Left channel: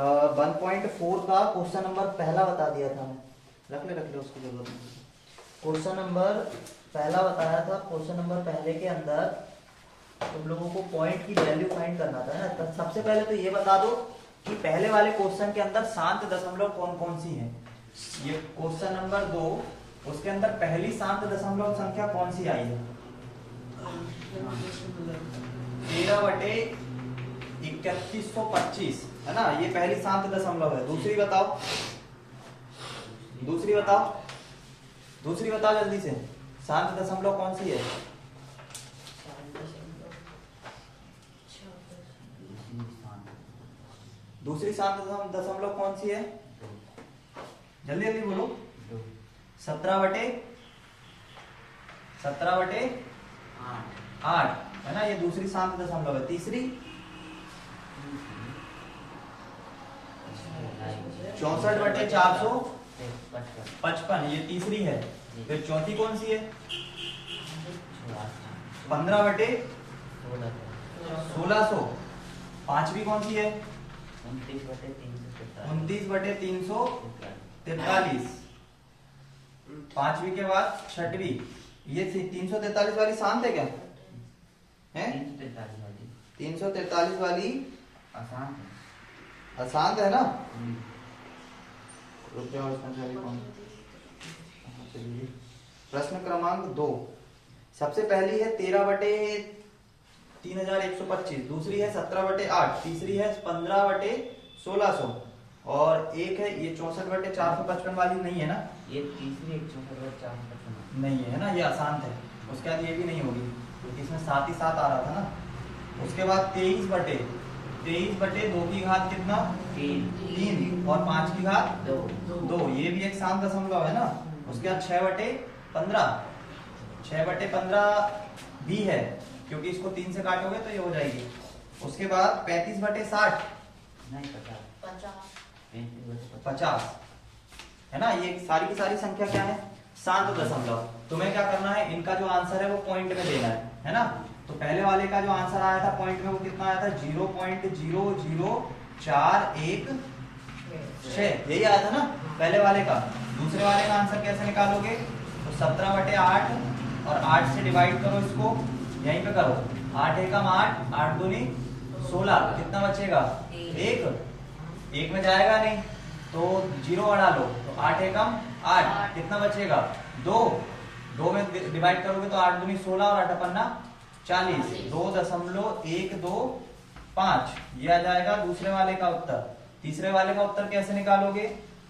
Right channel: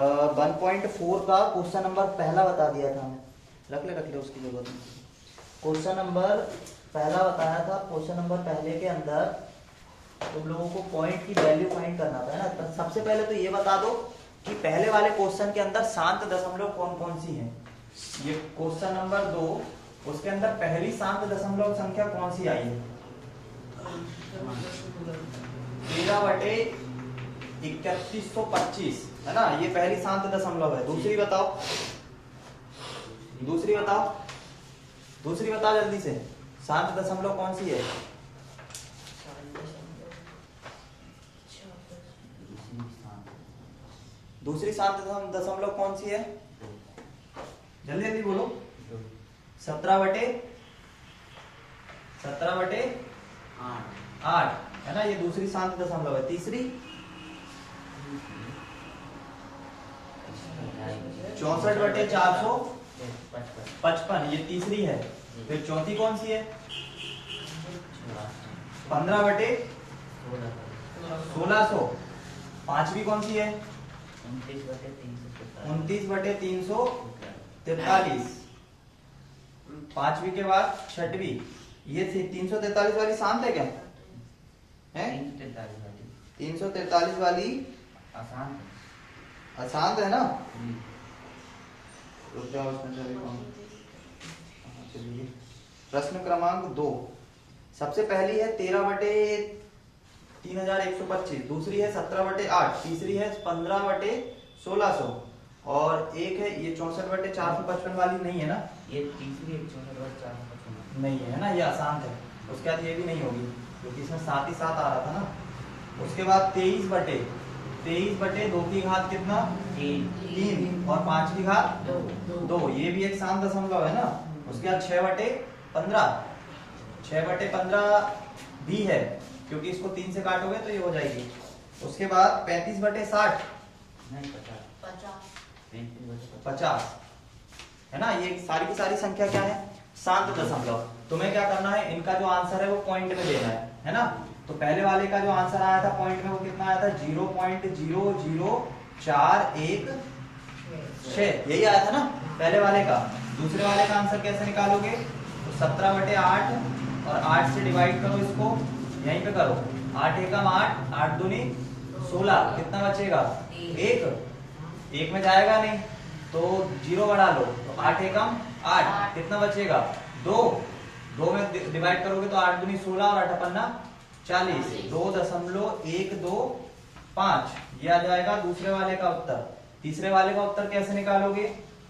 1.4 का question number पहला बता दिया था। रख ले उसकी जरूरत नहीं। क्वेश्चन नंबर पहला बताया था। क्वेश्चन नंबर पहले के अंदर तुम लोगों को पॉइंट की वैल्यू फाइंड करना था ना। तो सबसे पहले तो ये बता दो कि पहले वाले क्वेश्चन के अंदर शांत दशमलव कौन कौन सी है। ये क्वेश्चन नंबर 2, उसके अंदर पहली शांत दशमलव संख्या कौन सी आई है? 13/3125 है ना, ये पहली शांत दशमलव है। दूसरी बताओ जल्दी से, शांत दशमलव कौन सी है? दूसरी शांत दशमलव कौन सी है? जल्दी जल्दी बोलो। 17/8 है ना, ये दूसरी शांत दशमलव है। तीसरी 64/455, ये तीसरी है। फिर चौथी कौन सी है? 15/1600। पांचवी कौन सी है? 29/343। पांचवी के बाद छठवीं, ये 343 वाली शांत है क्या? है 343 वाली अशांत है ना। रुक जाओ, चलिए प्रश्न क्रमांक 2। सबसे पहली है 13/3125, दूसरी है 17/8, तीसरी है 15/1600 और एक है ये 64/455 वाली नहीं है ना। ये तीसरी 64/455 नहीं है ना, ये अशांत है। उसके बाद ये भी नहीं होगी क्योंकि इसमें 7 ही 7 आ रहा था ना। उसके बाद 23/2 की घात कितना? 3 और 5 की घात 2, ये भी एक शांत दशमलव है ना। उसके बाद 6/15 भी है क्योंकि इसको 3 से काटोगे तो ये हो जाएगी। उसके बाद 35/60 50 है ना। ये सारी की सारी संख्या क्या है? शांत दशमलव। तुम्हें क्या करना है, इनका जो आंसर है वो पॉइंट में देना है ना। तो पहले वाले का जो आंसर आया था पॉइंट में वो कितना आया था? 0.00416, यही आया था ना पहले वाले का। दूसरे वाले का आंसर कैसे निकालोगे? तो 17/8 और 8 से डिवाइड करो, इसको यहीं पे करो। 8 एकम 8, 8 दूनी 16, कितना बचेगा? 1 में जाएगा नहीं तो 0 बढ़ा लो, तो 8 एकम 8, कितना बचेगा? 2 में डिवाइड करोगे तो 8 दूनी 16 और 8 पन्ना 40, 2.125, ये आ जाएगा दूसरे वाले का उत्तर। तीसरे वाले का उत्तर कैसे निकालोगे?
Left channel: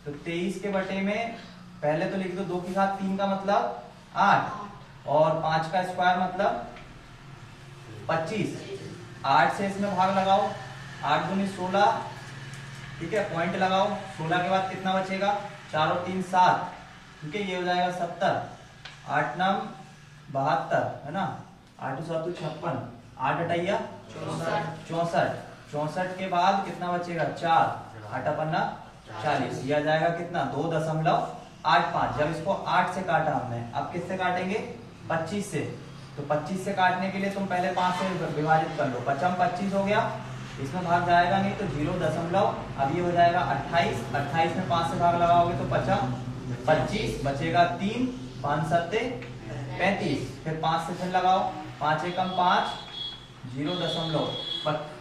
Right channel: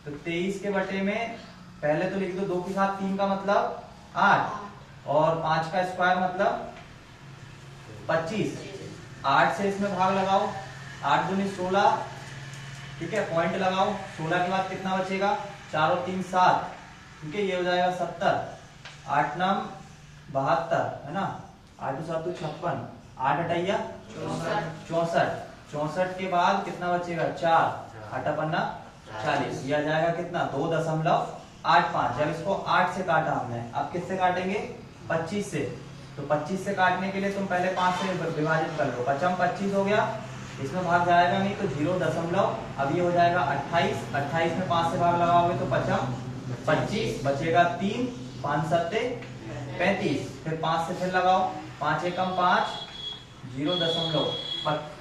तो 23 के बटे में पहले तो लिख दो 2 की घात 3 का मतलब 8 और 5 का स्क्वायर मतलब 25। 8 से इसमें भाग लगाओ, 8 दूनी 16, ठीक है, पॉइंट लगाओ। 16 के बाद कितना बचेगा? 4 और 3 7, ठीक है, ये हो जाएगा 70। 8 9 72 है ना, 8 7 56, 8 अटैया 64। 64 के बाद कितना बचेगा? 4, 8 पन्ना 40, ये आ जाएगा कितना? 2.85। जब इसको 8 से काटा हमने, अब किससे काटेंगे? 25 से। तो 25 से काटने के लिए तुम पहले 5 से विभाजित कर लो। 5 25 हो गया, इसमें भाग जाएगा नहीं तो 0. अब ये हो जाएगा 28। 28 में 5 से भाग लगाओगे तो 5 25 बचेगा 3, 5 7 35। फिर 5 से फिर लगाओ, 5 एकम 5,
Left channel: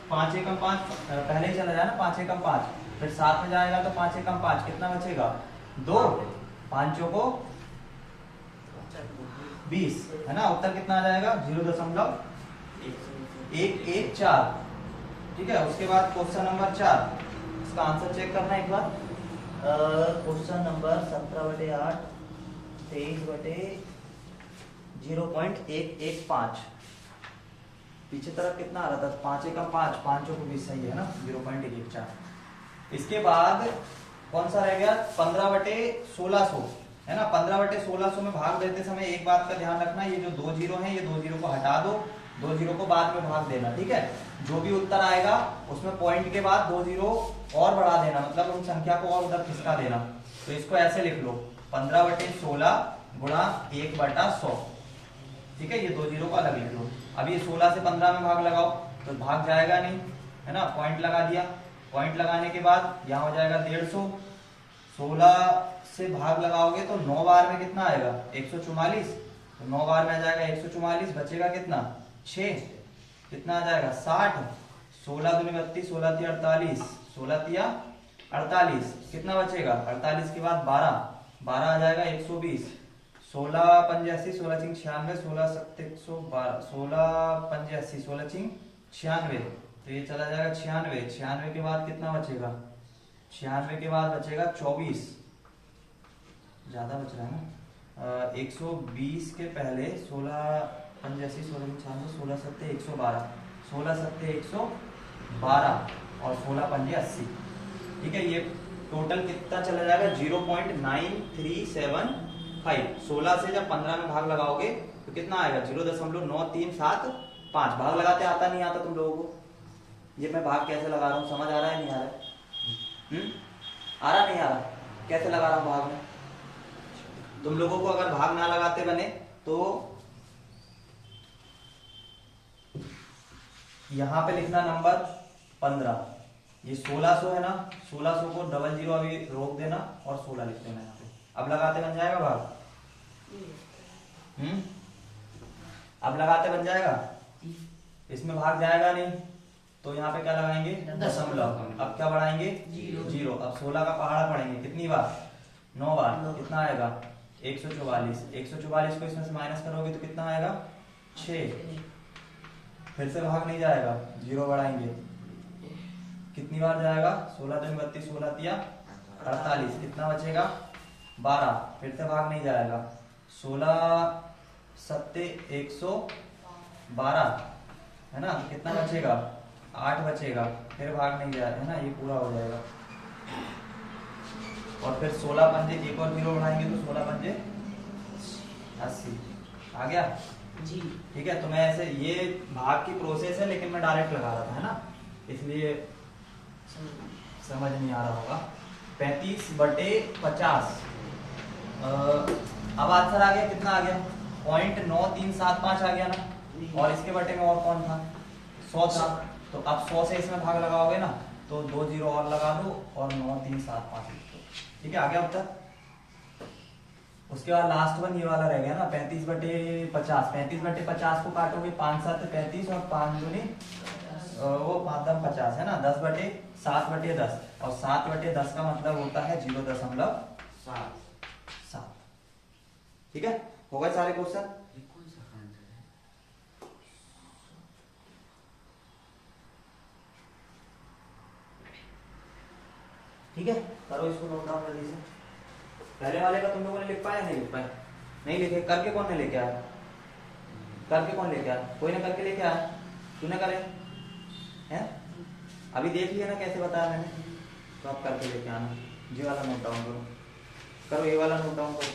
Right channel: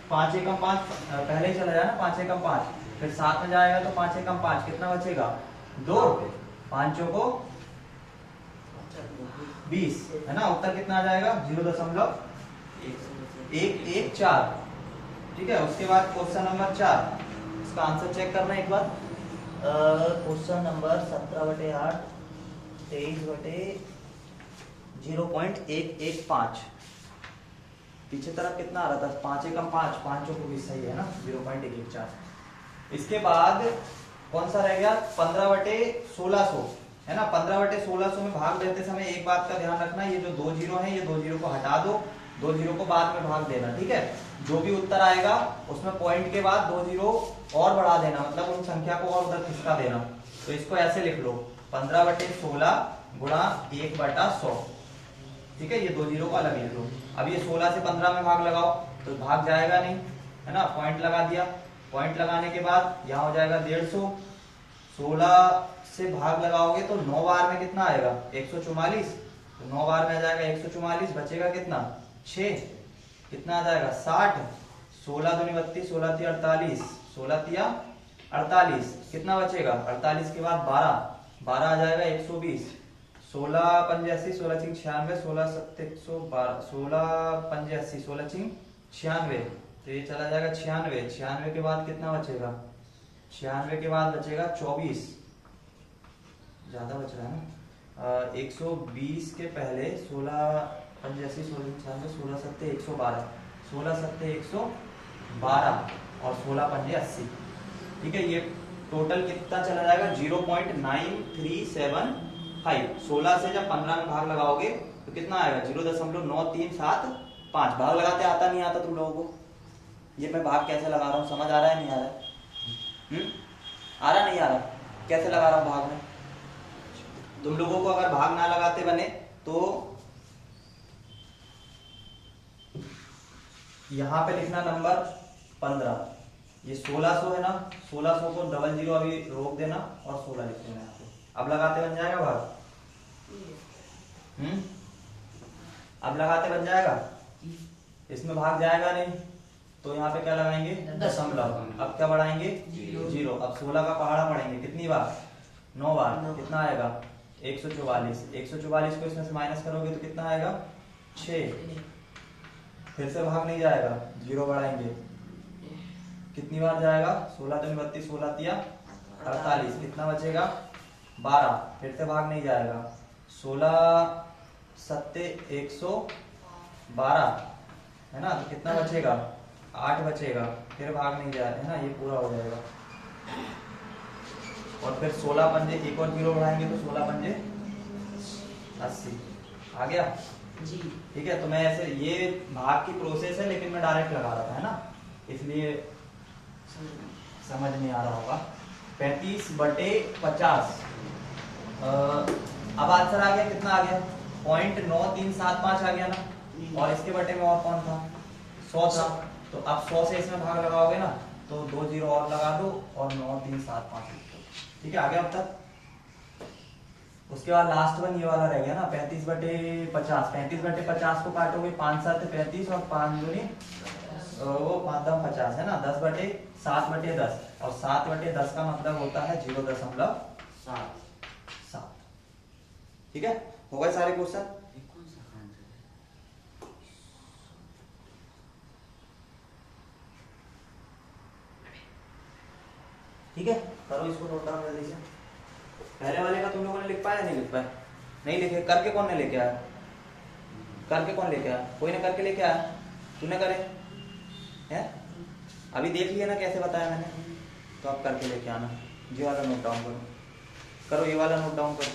5 एकम 5 पहले ही चला जाए ना, 5 एकम 5। फिर 7 में जाएगा तो 5 एकम 5, कितना बचेगा? 2, 5 को 20 है ना। उत्तर कितना आ जाएगा? 0.114, ठीक है। उसके बाद क्वेश्चन नंबर 4, इसका आंसर चेक करना एक बार। क्वेश्चन नंबर 17/8 23/0.115, पीछे तरफ कितना आ रहा था? 5 एकम 5, 5 को 20, सही है ना, 0.114। इसके बाद कौन सा रह गया? 15/1600 है ना। 15/1600 में भाग देते समय एक बात का ध्यान रखना, ये जो 2 जीरो है, ये 2 जीरो को हटा दो, 2 जीरो को बाद में भाग देना, ठीक है। जो भी उत्तर आएगा उसमें पॉइंट के बाद 2 जीरो और बढ़ा देना, मतलब उन संख्या को और उधर खिसका देना। तो इसको ऐसे लिख लो, 15/16 गुणा 1/100, ठीक है। ये 2 जीरो को अलग लिख लो। अब ये 16 से 15 में भाग लगाओ तो भाग जाएगा नहीं, है ना, पॉइंट लगा दिया। पॉइंट लगाने के बाद यहाँ हो जाएगा 150, 16 से भाग लगाओगे तो 9 बार में कितना आएगा 144, तो 9 बार में आ जाएगा 144, बचेगा कितना 6, कितना आ जाएगा 60, 16 दूनी 32, 16 तिया 48, 16 तिया 48, कितना बचेगा 48 के बाद 12, 12 आ जाएगा 120, 16 85, 16 चिंग 96, 16 7 112, 16 85, 16 चिंग 96, तो ये चला जाएगा 96, 96 के बाद कितना बचेगा 96 के बाद बचेगा 24, ज्यादा बच रहा है ना, 120 के पहले 16 85, 16 96, 16 7 112, 16 7 112 और 16 पंजे 80, ठीक है। ये टोटल कितना चला जाएगा 0.9375, 16 से जब 15 में भाग लगाओगे तो कितना आएगा 0.9375, भाग लगाते आता नहीं आता तुम लोगों को, ये मैं भाग कैसे लगा रहा हूँ समझ आ रहा है नहीं आ रहा है? आ रहा नहीं आ रहा, कैसे लगा रहा हूँ भाग में? तुम लोगों को अगर भाग ना लगाते बने तो यहां पे लिखना नंबर 15, ये 1600 है ना, 1600 को 00 अभी रोक देना और 16 लिख देना यहाँ पे, अब लगाते बन जाएगा भाग, अब लगाते बन जाएगा, इसमें भाग जाएगा नहीं तो यहाँ पे क्या लगाएंगे दशमलव, अब क्या बढ़ाएंगे 0, अब 16 का पहाड़ा पढ़ेंगे कितनी बार 9 बार, कितना आएगा 144, 144 को इसमें से माइनस करोगे तो कितना आएगा 6, फिर से भाग नहीं जाएगा 0 बढ़ाएंगे, कितनी बार जाएगा 16 दूनी 32, 16 तिया 48, कितना बचेगा 12, फिर से भाग नहीं जाएगा 16 7 112 है ना, तो कितना बचेगा 8 बचेगा, फिर भाग नहीं जाएगा है ना, ये पूरा हो जाएगा, और फिर 16 पंजे एक और 0 बढ़ाएंगे तो 16 पंजे 80, आ गया जी, ठीक है। तो मैं ऐसे ये भाग की प्रोसेस है लेकिन मैं डायरेक्ट लगा रहा था है ना, इसलिए समझ नहीं आ रहा होगा। 35/50, अब आंसर आ गया, कितना आ गया 0.9375 आ गया ना, और इसके बटे में और कौन था 100 था, तो अब 100 से इसमें भाग लगाओगे ना तो 2 0 और लगा दो और 9375 लिख दो, ठीक है। आ गया अब तक। उसके बाद लास्ट वन ये वाला रह गया ना 35/50, 35/50 को काटोगे 5 7 35 और 5 दूनी वो 5 10 50 है ना, 10/7/10, और 7/10 का मतलब होता है 0.7, ठीक है। हो गए सारे क्वेश्चन, ठीक है। करो इसको नोट डाउन जल्दी से। पहले वाले का तुम लोगों ने लिख पाया नहीं लिख पाया? नहीं लिखे, करके कौन ने लेके आया? करके कौन लेके आया? कोई ने करके लेके आया? तूने करे हैं? अभी देख लिया ना कैसे बताया मैंने, तो आप करके लेके आना। जी वाला नोट डाउन करो, करो ये वाला नोट डाउन करो,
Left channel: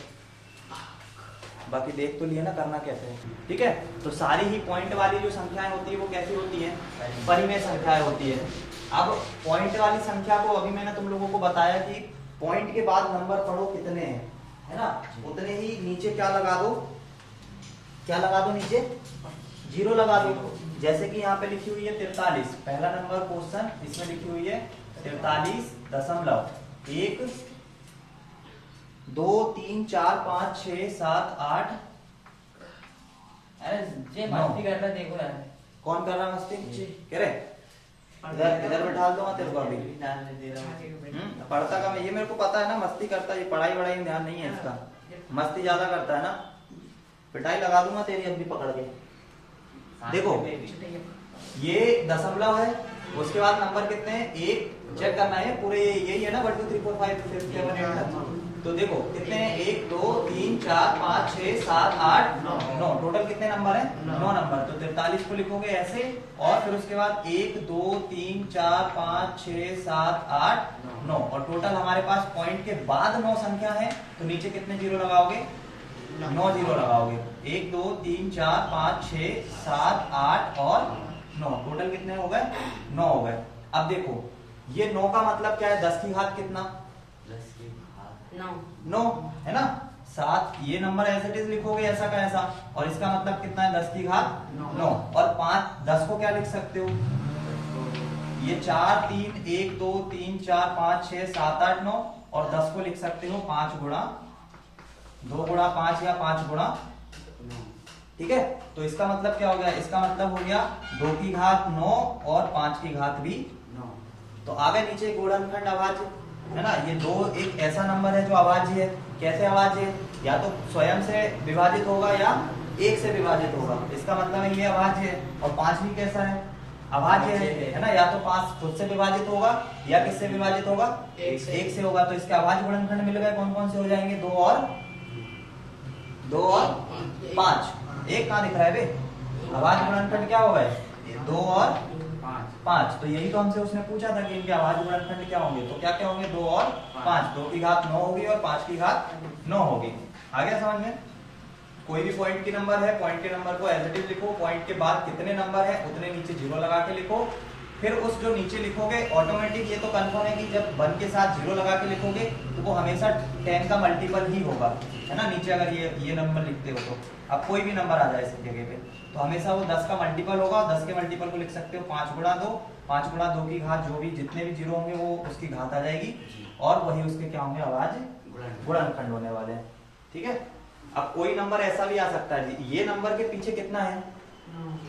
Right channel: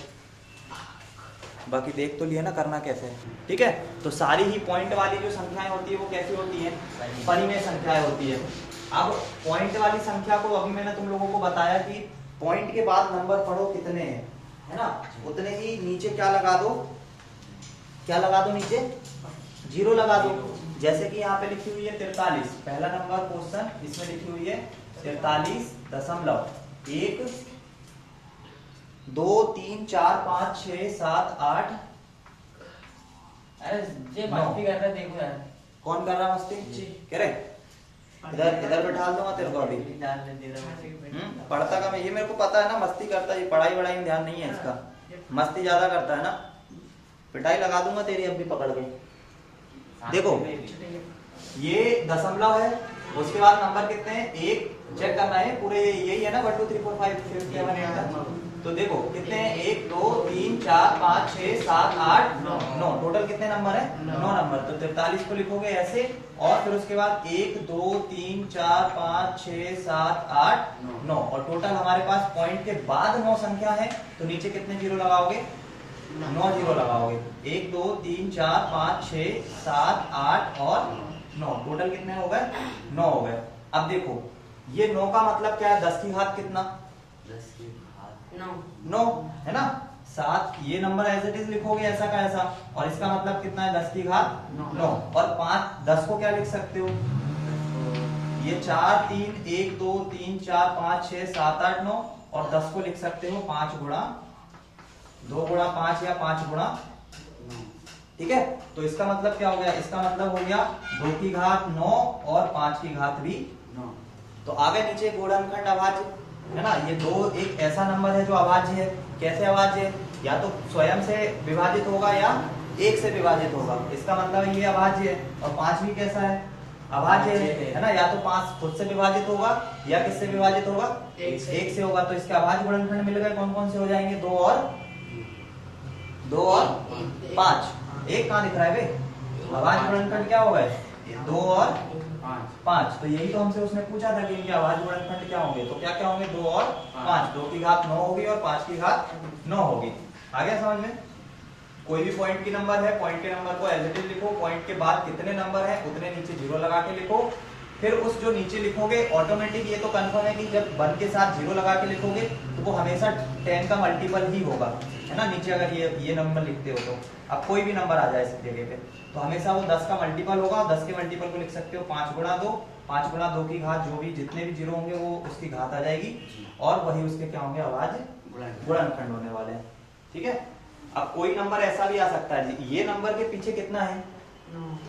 बाकी देख तो लिया ना करना कैसे है, ठीक है। तो सारी ही पॉइंट वाली जो संख्याएं होती है वो कैसी होती है, परिमेय संख्याएं होती है। अब पॉइंट वाली संख्या को अभी मैंने तुम लोगों को बताया कि पॉइंट के बाद नंबर पढ़ो कितने हैं, है ना, उतने ही नीचे क्या लगा दो, क्या लगा दो नीचे 0 लगा दो। जैसे कि यहाँ पे लिखी हुई है 43, पहला नंबर क्वेश्चन, इसमें लिखी हुई है 43.1 2 3 4 5 6 7 8। अरे जे मस्ती कर रहा है देखो यार, कौन कर रहा मस्ती? कह रहे इधर बैठा दूंगा तेरे को अभी। पढ़ता का मैं, ये मेरे को पता है ना, मस्ती करता है, पढ़ाई वढ़ाई में ध्यान नहीं है इसका, मस्ती ज्यादा करता है ना, पिटाई लगा दूंगा तेरी अभी पकड़ के। देखो ये दशमलव है, उसके बाद नंबर कितने हैं, एक चेक करना है पूरे, यही है ना 1 2 3 4 5 6 7 तो देखो कितने हैं, 1 2 3 4 5 6 7 8 9, टोटल कितने नंबर है 9 नंबर। तो 43 को लिखोगे ऐसे, और फिर उसके बाद 1 2 3 4 5 6 7 8 9, और टोटल हमारे पास पॉइंट के बाद 9 संख्या है, तो नीचे कितने 0 लगाओगे 9 0 लगाओगे। 1 2 3 4 5 6 7 8 और 9, टोटल कितने हो गए 9 हो गए। अब देखो ये 9 का मतलब क्या है, 10 की घात कितना 9 है ना, 7, ये नंबर एज इट इज लिखोगे ऐसा का ऐसा, और इसका मतलब कितना है 10 की घात 9, और 5 10 को क्या लिख सकते हो, ये 4 3 1 2 3 4 5 6 7 8 9 और 10 को लिख सकते हो 5 गुणा 2 गुणा 5 या 5 गुणा, ठीक है। तो इसका मतलब क्या हो गया, इसका मतलब हो गया 2 की घात 9 और 5 की घात भी 9। तो आगे नीचे गुणनखंड अभाज्य है ना, ये दो एक ऐसा नंबर है जो अभाज्य है। कैसे अभाज्य है, या तो स्वयं से विभाजित होगा या एक से विभाजित होगा, इसका मतलब ये अभाज्य है। और 5 भी कैसा है, अभाज्य है ना, या तो 5 खुद से विभाजित होगा या किससे विभाजित होगा, एक से होगा। तो इसके अभाज्य गुणनखंड मिल गए, कौन कौन से हो जाएंगे, 2 और 5। एक कहां दिख रहा है बे, अभाज्य गुणनखंड क्या हो गए, 2 और 5। तो यही तो हमसे उसने पूछा था कि इनके अभाज्य गुणनखंड क्या होंगे, तो क्या क्या होंगे, 2 और 5। 2 की घात 9 होगी और 5 की घात 9 होगी। आ गया समझ में। कोई भी पॉइंट की नंबर है, पॉइंट के नंबर को एज इट इज लिखो, पॉइंट के बाद कितने नंबर है उतने नीचे 0 लगा के लिखो। फिर उस जो नीचे लिखोगे ऑटोमेटिक ये तो कंफर्म है कि जब 1 के साथ 0 लगा के लिखोगे तो वो हमेशा 10 का मल्टीपल ही होगा, है ना। नीचे अगर ये नंबर लिखते हो तो अब कोई भी नंबर आ जाए इस जगह पे तो हमेशा वो 10 का मल्टीपल होगा। 10 के मल्टीपल को लिख सकते हो 5 गुणा 2, 5 गुणा 2 की घात, जो भी जितने भी 0 होंगे वो उसकी घात आ जाएगी और वही उसके क्या होंगे, अभाज्य गुणनखंड होने वाले हैं, ठीक है। अब कोई नंबर ऐसा भी आ सकता है, ये नंबर के पीछे कितना है,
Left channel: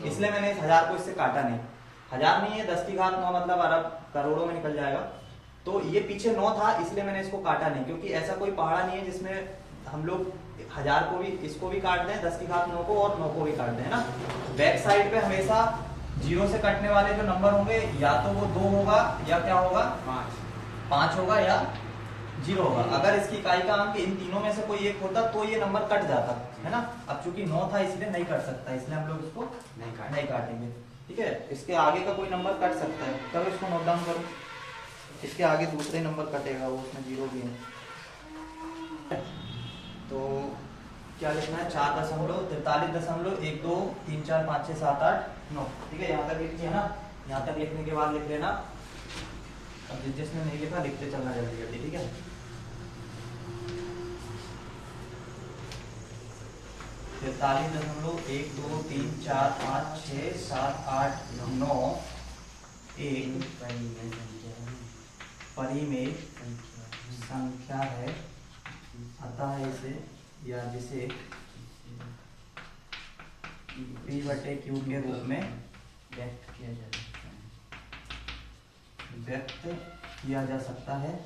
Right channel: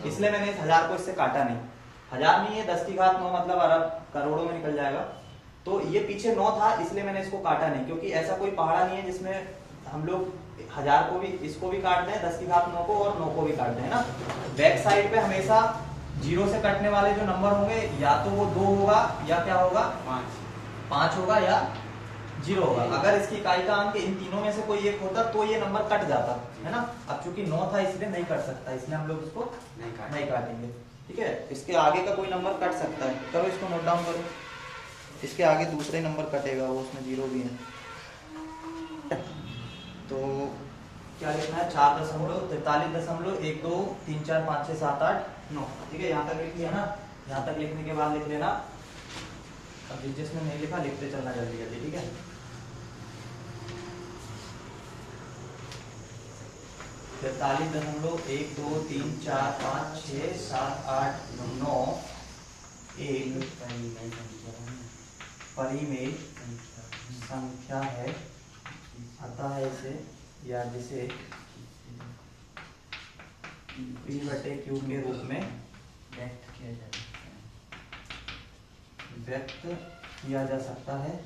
इसलिए मैंने इस 1000 को इससे काटा नहीं। 1000 नहीं है, 10 की घात 9 मतलब अरब करोड़ों में निकल जाएगा। तो ये पीछे 9 था इसलिए मैंने इसको काटा नहीं, क्योंकि ऐसा कोई पहाड़ा नहीं है जिसमें हम लोग 1000 को भी, इसको भी काट दें, 10 की घात 9 को और 9 को भी काट दें, है ना। बैक साइड पे हमेशा 0 से कटने वाले जो नंबर होंगे या तो वो 2 होगा या क्या होगा, 5 होगा या 0 होगा। अगर इसकी इकाई का अंक इन तीनों में से कोई एक होता तो ये नंबर कट जाता, है ना। अब चूंकि 9 था इसलिए नहीं कट सकता, इसलिए हम लोग इसको नहीं काटेंगे, ठीक है। इसके आगे का कोई नंबर कट सकता है, तब इसको नोट डाउन करो। इसके आगे दूसरे नंबर कटेगा, वो उसमें 0 भी है। तो क्या लिखना है, 4.43.12345678 9, ठीक है। यहाँ तक लिखिए ना, यहाँ तक लिखने के बाद लिख लेना। अब जिसने नहीं लिखा लिखते चलना जल्दी जल्दी, ठीक है। 43.12345678 9 एक परिमेय संख्या है, अतः इसे या जिसे P/Q के रूप में व्यक्त किया जा सकता है।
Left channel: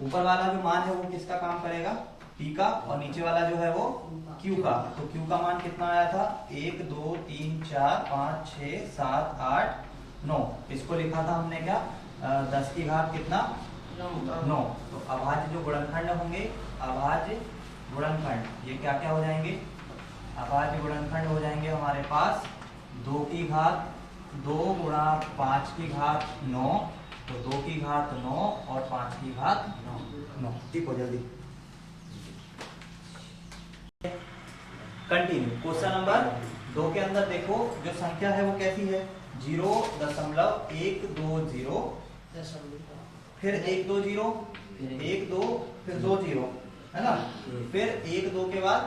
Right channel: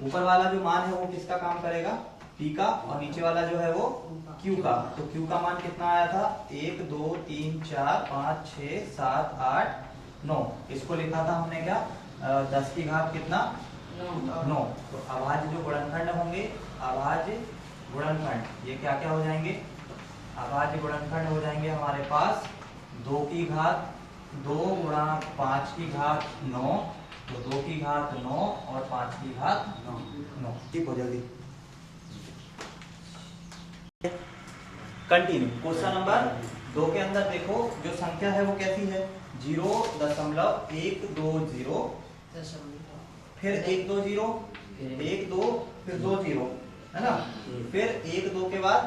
ऊपर वाला जो मान है वो किसका काम करेगा, P का, और नीचे वाला जो है वो Q का। तो Q का मान कितना आया था, 1 2 3 4 5 6 7 8 9। इसको लिखा था हमने क्या, 10 की घात कितना, 9। तो अभाज्य जो गुणनखंड होंगे, अभाज्य गुणनखंड ये क्या क्या हो जाएंगे, अभाज्य गुणनखंड हो जाएंगे हमारे पास 2 की घात 2 गुणा 5 की घात 9, तो 2 की घात 9 और 5 की घात 9। ठीक हो जल्दी। कंटिन्यू। क्वेश्चन नंबर 2 के अंदर देखो जो संख्या है वो कैसी है, 0.120, फिर 1 2 0, 1 2, फिर 2 0, है ना। फिर 1 2 के बाद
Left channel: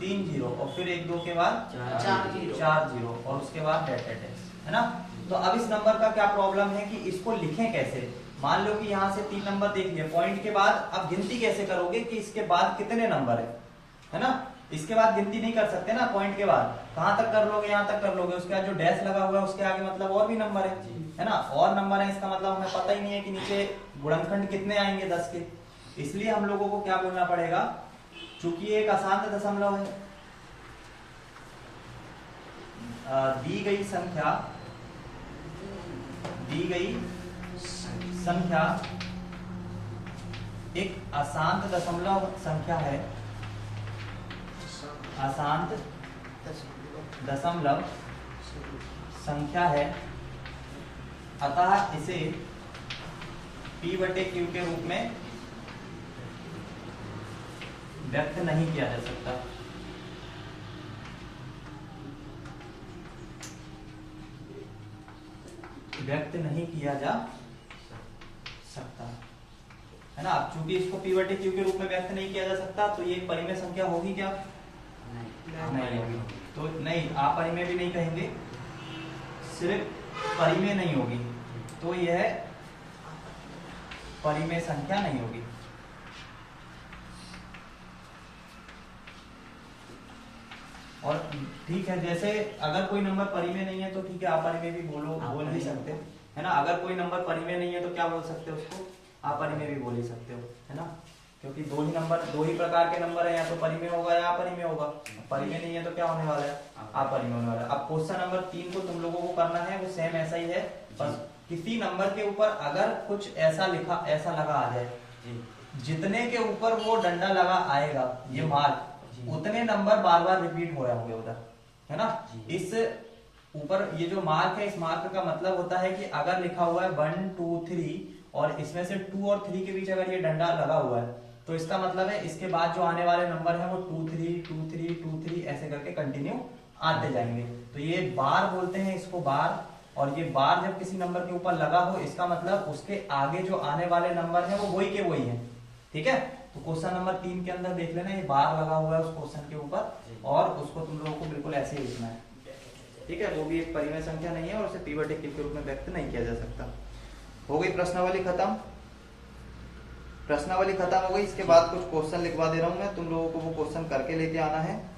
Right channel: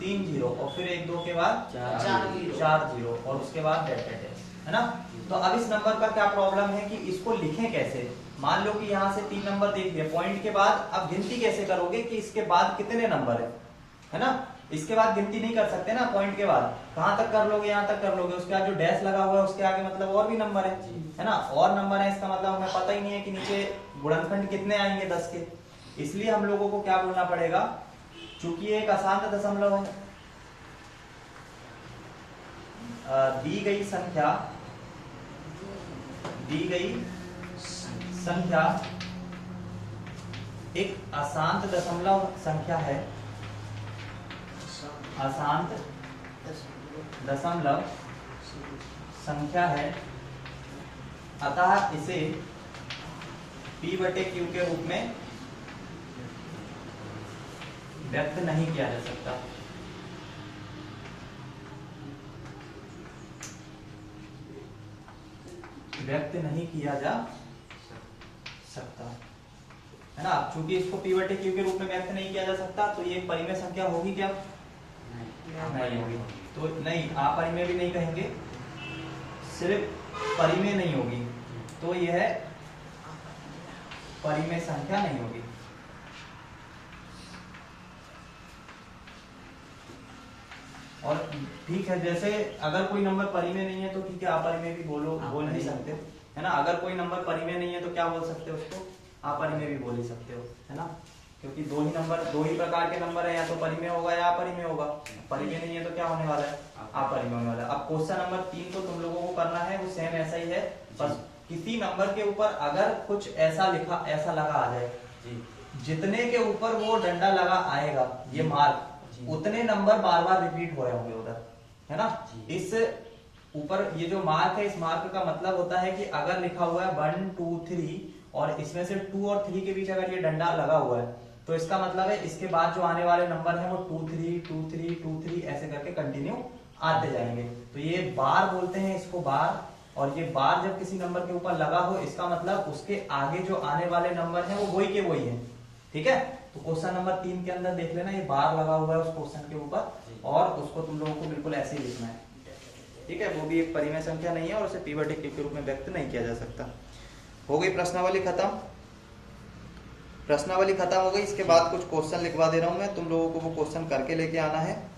3 0 और फिर 1 2 के बाद 4 0 और उसके बाद डेट है ना। तो अब इस नंबर का क्या प्रॉब्लम है कि इसको लिखें कैसे। मान लो कि यहाँ से 3 नंबर देख लिए, पॉइंट के बाद अब गिनती कैसे करोगे कि इसके बाद कितने नंबर है ना। इसके बाद गिनती नहीं कर सकते ना, पॉइंट के बाद कहां तक कर लोगे, यहाँ तक कर लोगे। उसके बाद जो डैश लगा हुआ है उसके आगे मतलब और भी नंबर है ना, और नंबर है। इसका मतलब हमें पता ही नहीं है कि नीचे गुणनखंड कितने आएंगे 10 के। इसलिए हम लोगों को क्या बोलना पड़ेगा, चूंकि एक अशांत दशमलव है, दी गई संख्या एक अशांत दशमलव संख्या है, अशांत दशमलव संख्या है, अतः इसे P/Q के रूप में व्यक्त नहीं किया जा सकता। व्यक्त नहीं किया जा सकता, है ना। अब चूंकि इसको P/Q के रूप में व्यक्त नहीं किया जा सकता तो ये परिमेय संख्या होगी क्या, नहीं होगी। तो नहीं, आप परिमेय भी नहीं कहेंगे, सिर्फ परिमेय नहीं होगी तो यह परिमेय संख्या नहीं होगी। और ठीक है, जैसे अगर कोई नंबर परिमेय नहीं है तो ठीक है, अपरिमेय भी बोल नहीं सकते, है ना। अगर कोई नंबर परिमेय नहीं है तो क्या बोल सकते हो उसको, अपरिमेय भी बोल ही सकते हो, है ना। क्योंकि दो ही प्रकार के नंबर है, या तो परिमेय होगा या अपरिमेय होगा। परिमेय नहीं है तो क्या होने वाला है, अपरिमेय होने वाला है। अब क्वेश्चन नंबर 3 को तुम लोगों को करना है, वो सेम ऐसा ही है, बस किसी नंबर के ऊपर अगर कुछ ऐसा लगा आ जाए, जितने के ऊपर वो डंडा लगा आएगा, ये मार्क, उतने नंबर बार बार रिपीट हो रहे होंगे उधर, है ना। इस ऊपर ये जो मार्क है, इस मार्क का मतलब होता है कि अगर लिखा हुआ है 1 2 3 और इसमें से 2 और 3 के बीच अगर ये डंडा लगा हुआ है तो इसका मतलब है इसके बाद जो आने वाले नंबर है वो 2 3 2 3 2 3 ऐसे करके कंटिन्यू आते जाएंगे। तो ये बार बोलते हैं इसको, बार। और ये बार जब किसी नंबर के ऊपर लगा हो, इसका मतलब उसके आगे जो आने वाले नंबर है वो वही के वही है, ठीक है। तो क्वेश्चन नंबर 3 के अंदर देख लेना, ये बार लगा हुआ है उस क्वेश्चन के ऊपर, और उसको तुम लोगों को बिल्कुल ऐसे ही लिखना है, ठीक है। वो भी एक परिमेय संख्या नहीं है और उसे पिवट के रूप में व्यक्त नहीं किया जा सकता। हो गई प्रश्नावली खत्म। प्रश्नावली खत्म हो गई, इसके बाद कुछ क्वेश्चन लिखवा दे रहा हूं मैं, तुम लोगों को वो क्वेश्चन करके लेके आना है।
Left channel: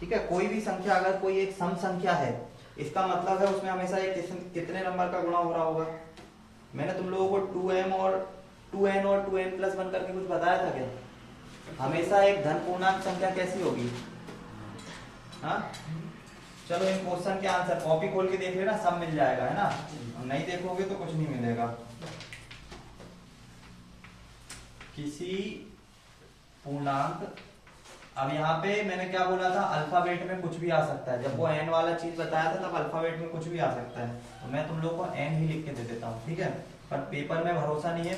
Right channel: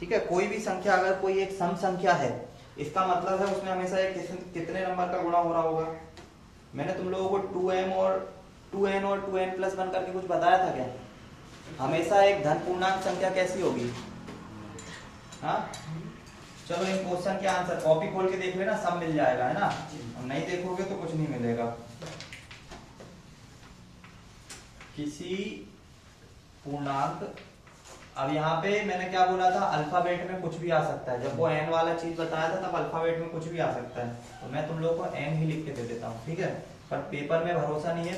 ठीक है, कोई भी संख्या, अगर कोई एक सम संख्या है, इसका मतलब है उसमें हमेशा एक कितने नंबर का गुणा हो रहा होगा। मैंने तुम लोगों को 2n और 2n+1 करके कुछ बताया था क्या। हमेशा एक धन पूर्णांक संख्या कैसी होगी, हाँ। चलो इन क्वेश्चन के आंसर कॉपी खोल के देख लेना, सब मिल जाएगा, है ना। और नहीं देखोगे तो कुछ नहीं मिलेगा। किसी पूर्णांक, अब यहाँ पे मैंने क्या बोला था, अल्फाबेट में कुछ भी आ सकता है। जब वो n वाला चीज बताया था तब अल्फाबेट में कुछ भी आ सकता है, तो मैं तुम लोग को n ही लिख के दे देता हूँ, ठीक है। पर पेपर में भरोसा नहीं है,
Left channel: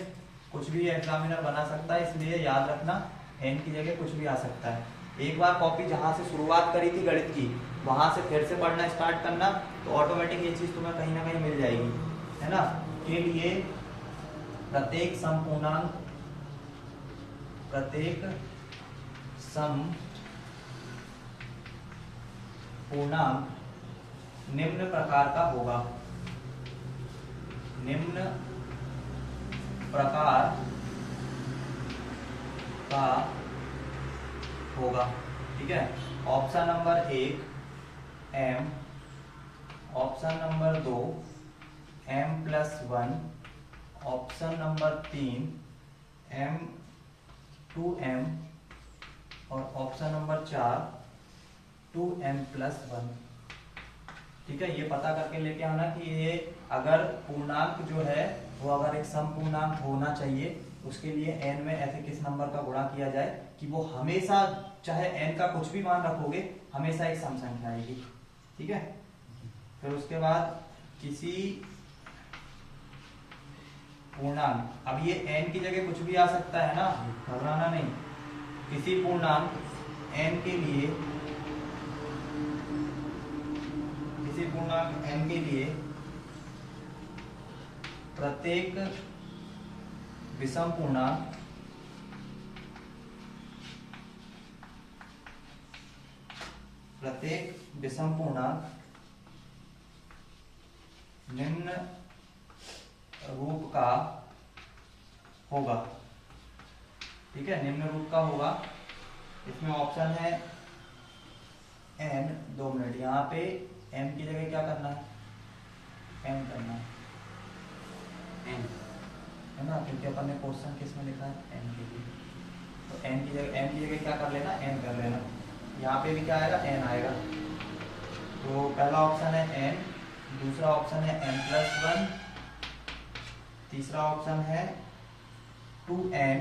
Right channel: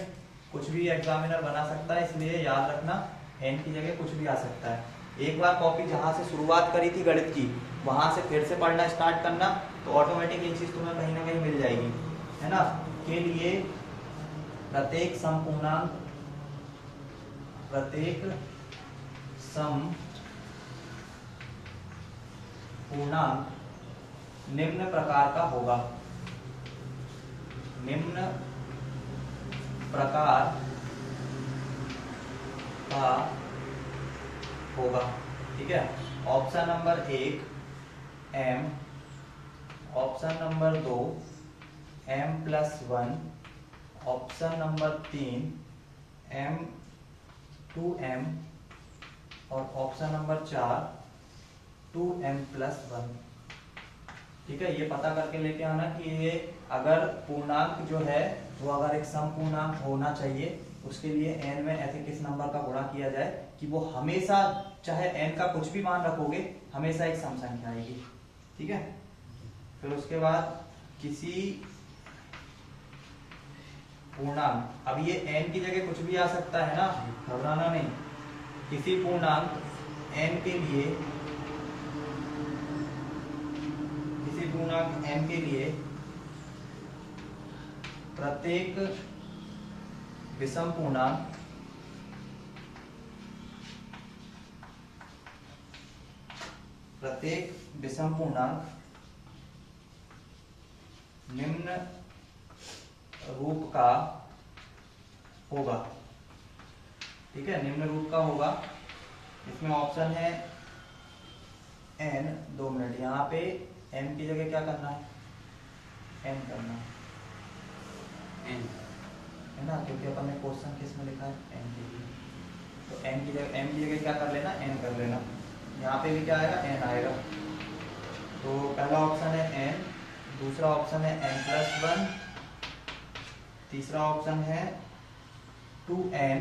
कुछ भी एग्जामिनर बना सकता है, इसलिए याद रखना n की जगह कुछ भी आ सकता है। एक बार कॉपी जहां से शुरुआत करी थी गणित की, वहां से फिर से पढ़ना स्टार्ट करना, तो ऑटोमेटिक ये चीज तुम्हें कहीं ना कहीं मिल जाएगी, है ना। के लिए प्रत्येक समपूर्णांक, प्रत्येक सम पूर्णांक निम्न प्रकार का होगा, निम्न प्रकार का होगा, ठीक है। Option number 1 m, option number 2 m+1, option number 3 m2m और ऑप्शन नंबर 4 2m+1, ठीक है। ये पता करके लेके आना कि ये अगर पूर्णांक जो है वो अगर एक सम पूर्णांक होना चाहिए, उसके लिए n में ऐसे किस नंबर का गुणा किया जाए कि वो हमेशा, चाहे n का कुछ भी मान रखोगे, हमेशा एक सम संख्या आएगी, ठीक है। फिर उसके बाद किसी पूर्णांक, अब ये n की जगह कुछ भी आ सकता है ना, घबराना नहीं। किसी पूर्णांक n के लिए, किसी पूर्णांक n के लिए प्रत्येक विषम पूर्णांक निम्न रूप का होगा, ठीक है। निम्न रूप का होगा, इसमें ऑप्शन है n, 2 मिनट, यहाँ पे n की जगह क्या करना है, n करना n, है ना, क्योंकि अपन ने क्वेश्चन किस में लिखा है, n के लिए, तो n की जगह क्या कर लेना, n कर लेना। यहाँ पे भी क्या आएगा, n आएगा। तो पहला ऑप्शन है n, दूसरा ऑप्शन है n+1, तीसरा ऑप्शन है 2n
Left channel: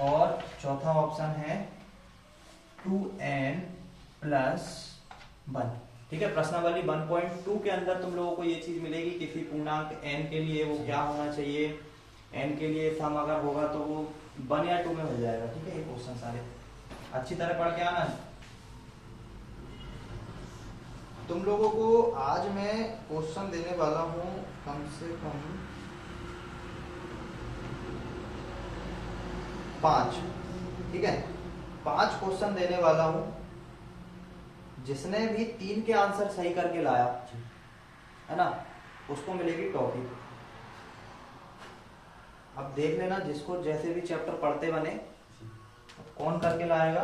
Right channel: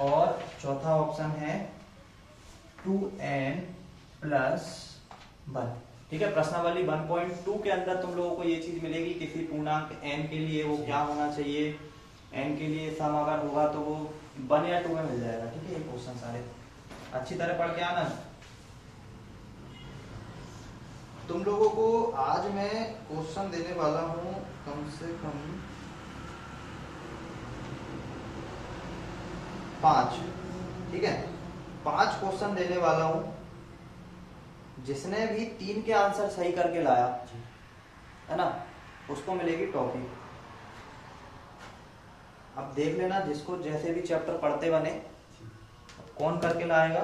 और चौथा ऑप्शन है 2n+1, ठीक है। प्रश्नावली 1.2 के अंदर तुम लोगों को ये चीज मिलेगी, किसी पूर्णांक n के लिए वो क्या होना चाहिए, n के लिए सम अगर होगा तो वो 1 या 2 में मिल जाएगा, ठीक है। ये क्वेश्चन सारे अच्छी तरह पढ़ के आना। तुम लोगों को आज मैं क्वेश्चन देने वाला हूं कम से कम 5, ठीक है। 5 क्वेश्चन देने वाला हूं, जिसने भी 3 के आंसर सही करके लाया है ना, उसको मिलेगी टॉफी। अब देख लेना, जिसको जैसे भी चैप्टर पढ़ते बने कौन करके लाएगा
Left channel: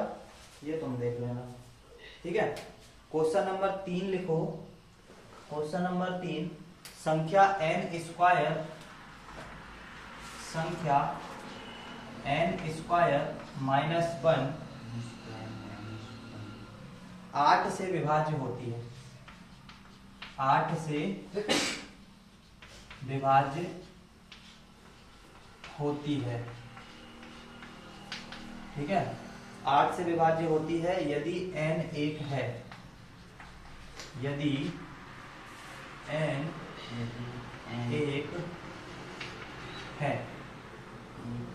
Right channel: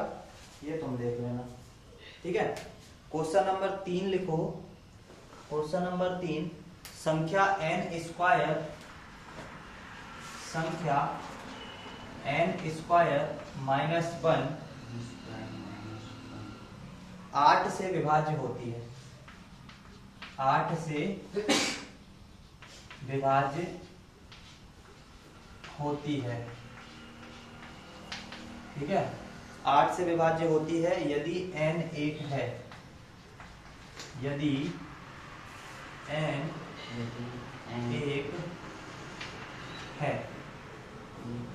ये तुम देख लेना, ठीक है। क्वेश्चन नंबर 3 लिखो। क्वेश्चन नंबर 3, संख्या n स्क्वायर, संख्या n स्क्वायर माइनस 1 8 से विभाज्य होती है। 8 से विभाज्य होती है, ठीक है। 8 से विभाज्य होती है यदि n 1 है, यदि n 1 है।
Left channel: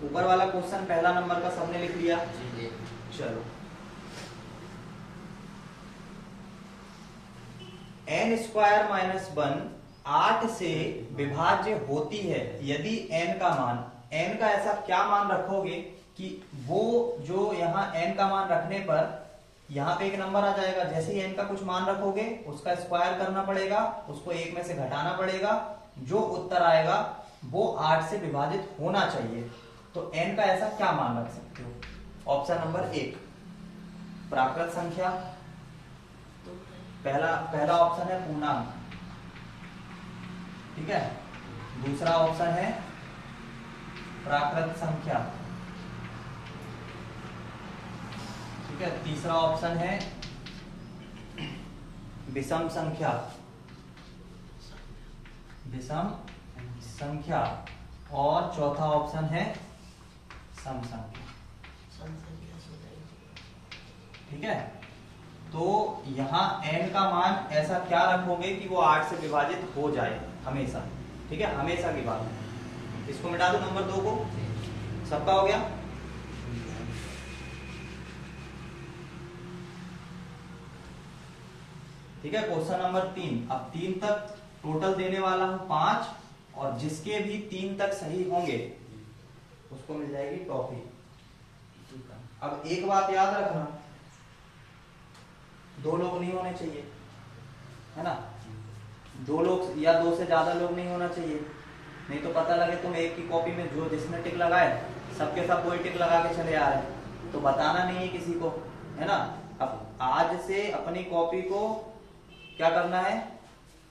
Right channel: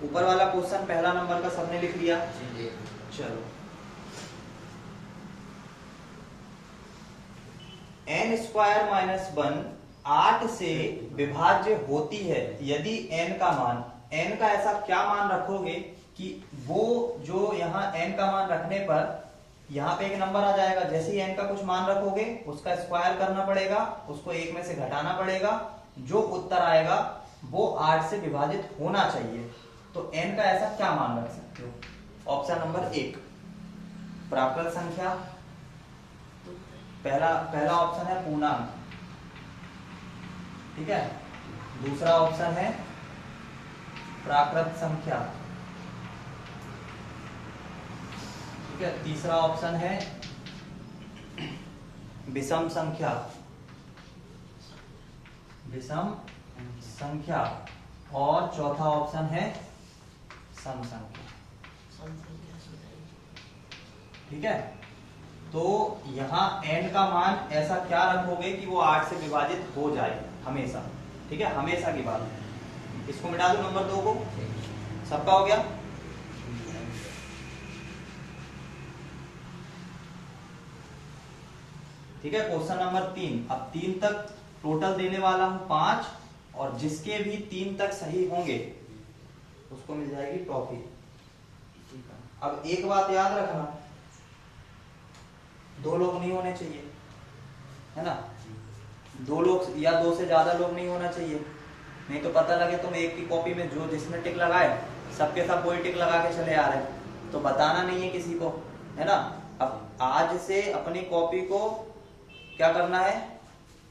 ऊपर वाला क्वेश्चन पहला नंबर का सबने लिख लिया, चलो। n स्क्वायर माइनस 1 8 से विभाज्य होती है यदि n का मान, n का ऐसा क्या मान रखोगे कि वो जो यहाँ n का मान रखने पर यहाँ पे एक नंबर आ जाएगा, जैसे ही n का कुछ मान रखोगे उसका स्क्वायर करना पड़ेगा, उसको 1 में से घटाना पड़ेगा, जो उत्तर आएगा वो 8 से विभाजित होना चाहिए। तो n का ऐसा क्या मान रख सकते हो? ऑप्शन नंबर 1 प्राकृत संख्या, पहला ऑप्शन है पूर्णांक, ठीक है। दूसरा ऑप्शन है प्राकृत संख्या, ठीक है। तीसरा ऑप्शन है विषम संख्या, विषम संख्या, और चौथा ऑप्शन है सम संख्या, ठीक है। तो यहाँ n का मान ऐसा क्या रखोगे कि वो 8 से विभाजित हो जाए हमेशा, ठीक है, हमेशा की बात है। इसको मिटा दो नंबर 2 को, सबका हो गया। ठीक है, क्वेश्चन नंबर 3। अब 3 तक टोटल देने वाला हूं 5, और जिसके भी 3 तक सही होंगे उसको मिल जाएगी टॉफी। अब एक बात याद रखना, 2 लोग नहीं होने चाहिए, है ना। 2 लोग या 2 से ज्यादा लोग नहीं होना चाहिए, नहीं तो पता लगे तुम एक की कॉपी में जो जिसने टिक लगाए सबके सब वही टिक लगा के चले आ रहे, तो बताना नहीं है किसी को, है ना। अब आज से अपनी कॉपी को क्या करना है,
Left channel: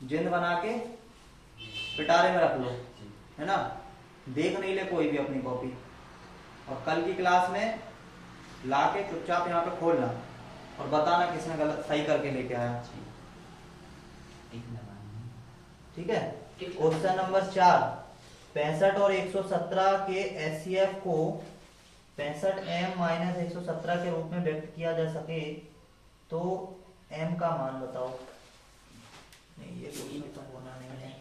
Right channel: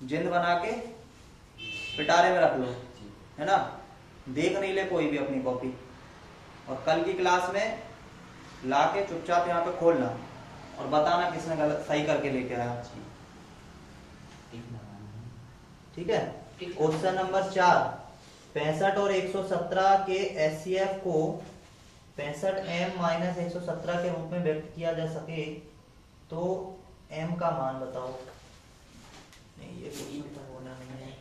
जिंद बना के पिटारे में रख लो, है ना। देख नहीं ले कोई भी अपनी कॉपी, और कल की क्लास में लाके चुपचाप यहाँ पे खोलना और बताना किसने गलत सही करके लेके आया, ठीक है। क्वेश्चन नंबर 4, 65 और 117 के एचसीएफ को 65m माइनस 117 के रूप में व्यक्त किया जा सके तो m का मान बताओ। नहीं, ये तो होना नहीं है।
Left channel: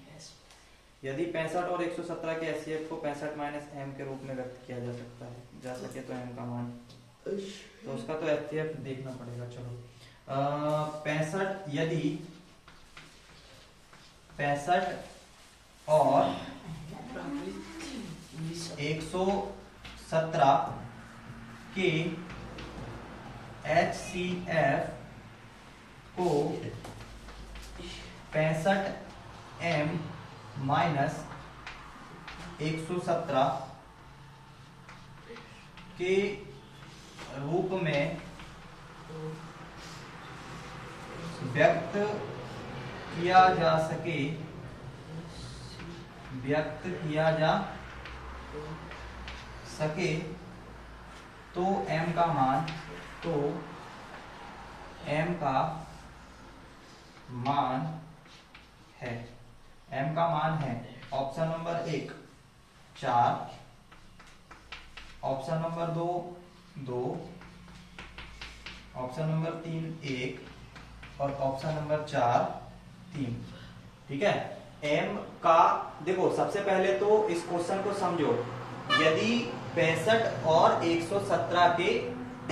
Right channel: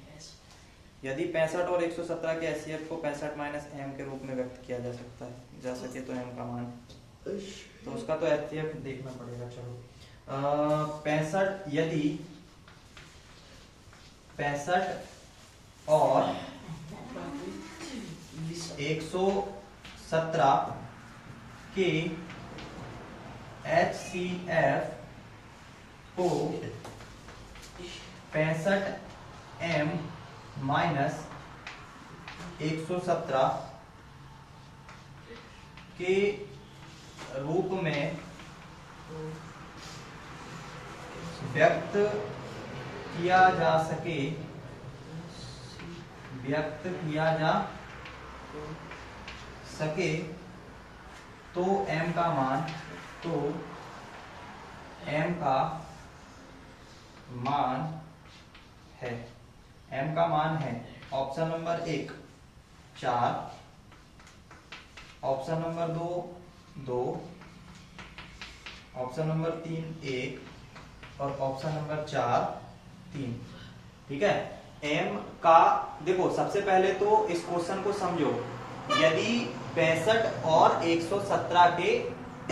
यदि 65 और 117 के एचसीएफ को 65 माइनस m के रूप में व्यक्त किया जा सके तो m का मान, तो उसका तो एचसीएफ देखना पड़ेगा। चलो 65, यदि 65 और 117 के HCF को 65m माइनस 117 के रूप में व्यक्त किया जा सके, तो m का मान, है, m का मान है option number 1 4, option number 2 option number 3 1, और ऑप्शन नंबर 4 3, ठीक है। m का देखो, सबसे पहले तो इस क्वेश्चन को समझो। यदि 65 और 117 के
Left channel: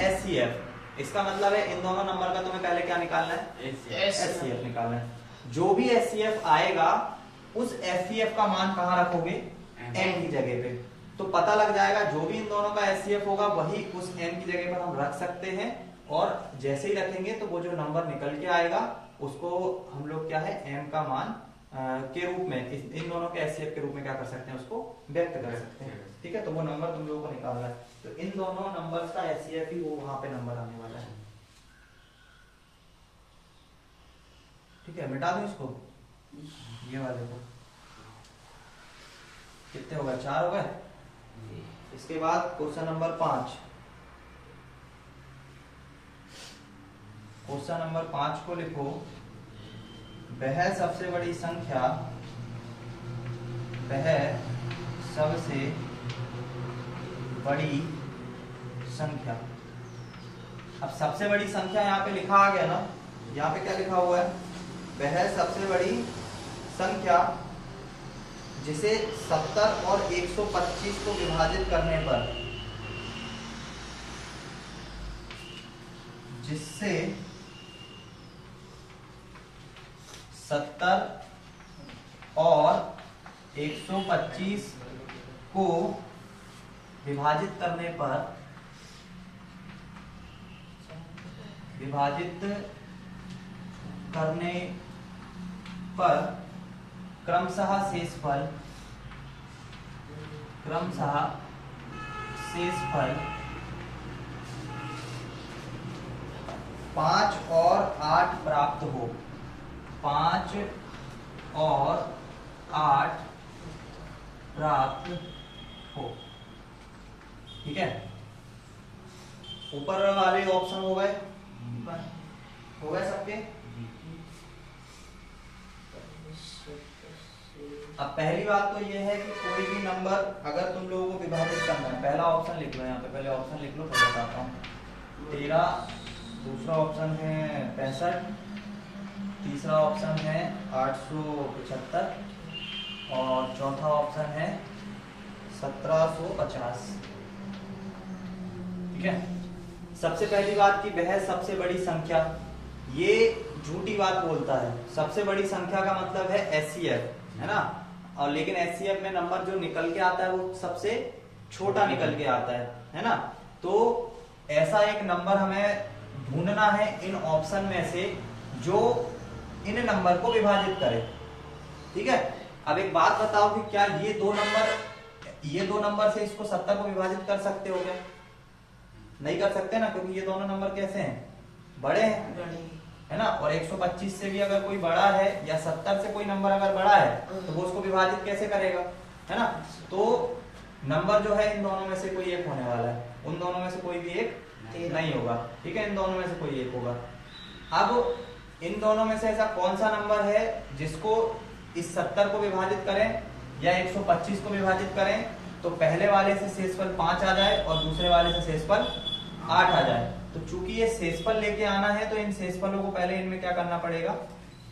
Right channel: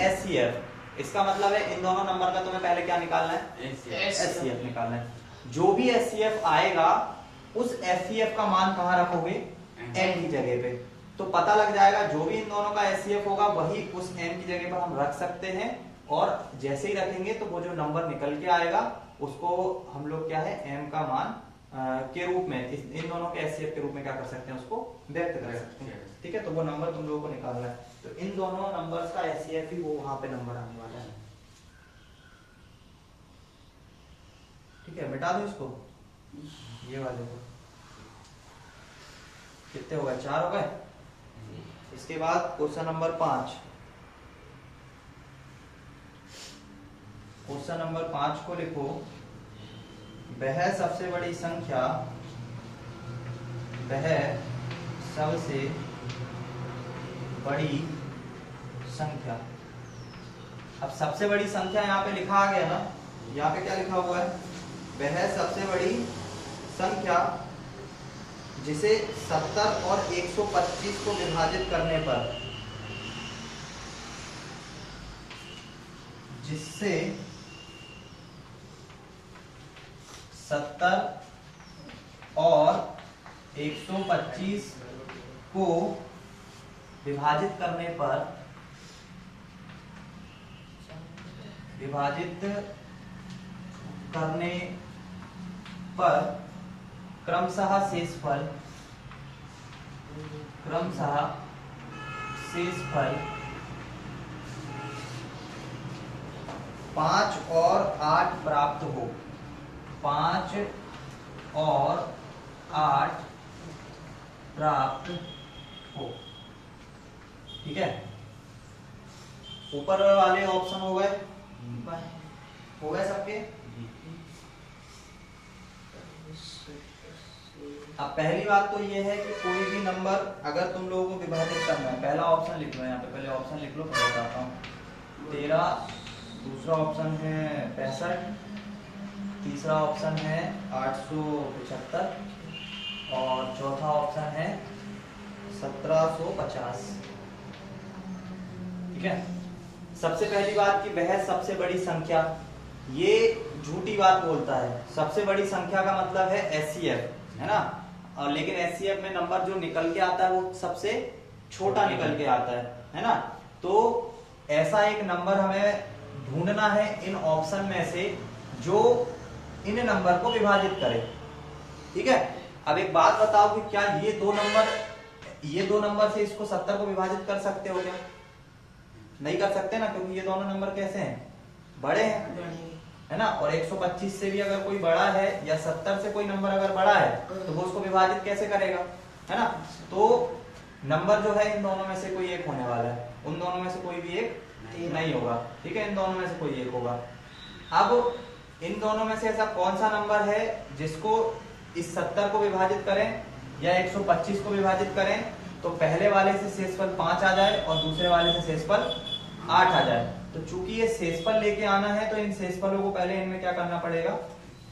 एचसीएफ, इसका मतलब है इन दोनों नंबर का तुम्हें पहले क्या निकालना है, एचसीएफ निकालना है। जो भी एचसीएफ आएगा उस एचसीएफ का मान कहां रखोगे, n की जगह पे, तो पता लग जाएगा जो भी इन दोनों का एचसीएफ होगा वही उस m की जगह पर हम रख सकते हैं, और जैसे ही रखेंगे तो वो जो नंबर निकल के आएगा उसको हम लोग क्या है m का मान के रूप में इन दोनों के एचसीएफ के रूप में क्या कर सकते हैं, उसको व्यक्त कर सकते हैं। ठीक है, तो वो नंबर तुम लोगों को निकालना है, तो इन दोनों नंबर्स का एचसीएफ ही वो वहां पे नंबर आने वाला है। ठीक है, मिटा दो इसको, ये वाले को। कितने हो गए, 4 हो गए। इसके बाद क्वेश्चन नंबर 5। क्वेश्चन नंबर 5 को लिखो, वह सबसे बड़ी संख्या, वह सबसे बड़ी संख्या। अब सबसे बड़ी संख्या यहाँ पे लिखा आ गया ना, यहाँ पे क्या लिखा हुआ है, वह सबसे बड़ी संख्या जिसे 70 और 125 को विभाजित करने पर, जिससे 70 और 125 को विभाजित करने पर, क्रमशः शेषफल 5 और 8 प्राप्त हो। 5 और 8 प्राप्त हो। ठीक है, ऊपर वाले ऑप्शन हो गए सबके। अब पहली बात तो ये है कि कोई भी नंबर अगर तुम लोगों को विभाजित करना है, पहला ऑप्शन लिख लो, यहाँ पे पहले ऑप्शन लिख लो, फिर बताता हूँ। 13, दूसरा ऑप्शन है 65, तीसरा ऑप्शन है 875 और चौथा ऑप्शन है 1750। ठीक है, सबसे पहली बात कि वह सबसे बड़ी संख्या, ये झूठी बात बोलता है। सबसे बड़ी संख्या का मतलब है एचसीएफ, है ना, और लेकिन एचसीएफ में नंबर जो निकल के आता है वो सबसे छोटा निकल के आता है ना। तो ऐसा एक नंबर हमें ढूंढना है इन ऑप्शन में से जो इन नंबर को विभाजित करे। ठीक है, अब एक बात बताओ कि क्या ये दो नंबर से इसको 70 को विभाजित कर सकते हो क्या? नहीं कर सकते ना, क्योंकि ये दोनों नंबर कैसे हैं, बड़े हैं, है ना। और 125 से भी अगर कोई बड़ा है या 70 से कोई नंबर अगर बड़ा है तो वो उसको विभाजित कैसे करेगा, है ना। तो नंबर जो है इन दोनों में से कोई एक होने वाला है, उन दोनों में से कोई भी एक नहीं होगा। ठीक है, इन दोनों में से कोई एक होगा। अब इन दोनों में से ऐसा कौन सा नंबर है जिसको इस 70 को विभाजित करें या 125 को विभाजित करें तो पहले वाले से शेषफल 5 आ जाए और दूसरे वाले से शेषफल 8 आ जाए। तो चूंकि ये शेषफल लेके आना है तो इन शेषफलों को पहले इनमें क्या करना पड़ेगा,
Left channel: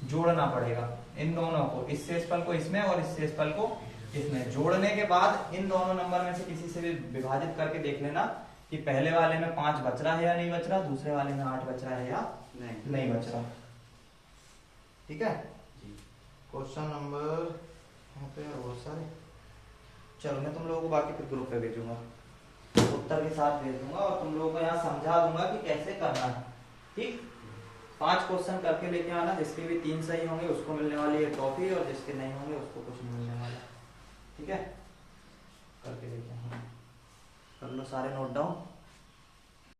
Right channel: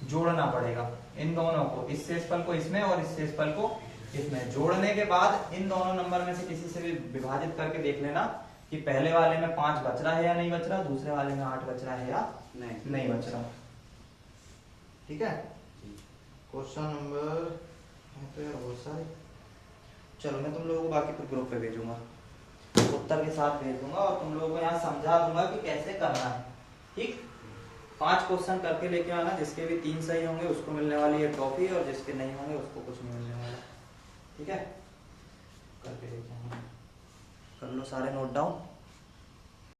जोड़ना पड़ेगा। इन दोनों को, इस शेषफल को इसमें और इस शेषफल को इसमें जोड़ने के बाद इन दोनों नंबर में से किसी से भी विभाजित करके देख लेना कि पहले वाले में 5 बच रहा है या नहीं बच रहा, दूसरे वाले में 8 बच रहा है या नहीं बच रहा। ठीक है, क्वेश्चन नंबर यहाँ पे बहुत सारे, चलो मैं तुम लोगों को बाकी फिर ग्रुप पे भेजूंगा, उत्तर के साथ भेज दूंगा और तुम लोगों को यहाँ समझा दूंगा कि कैसे करना है। ठीक, 5 क्वेश्चन करके लेके आना, जिसके भी 3 सही होंगे उसको मिलने वाली है ट्रॉफी और जिसके नहीं होंगे उसको कुछ नहीं मिलने वाला। ठीक है, करके लेके आना, कर लो सारे नोट डाउन।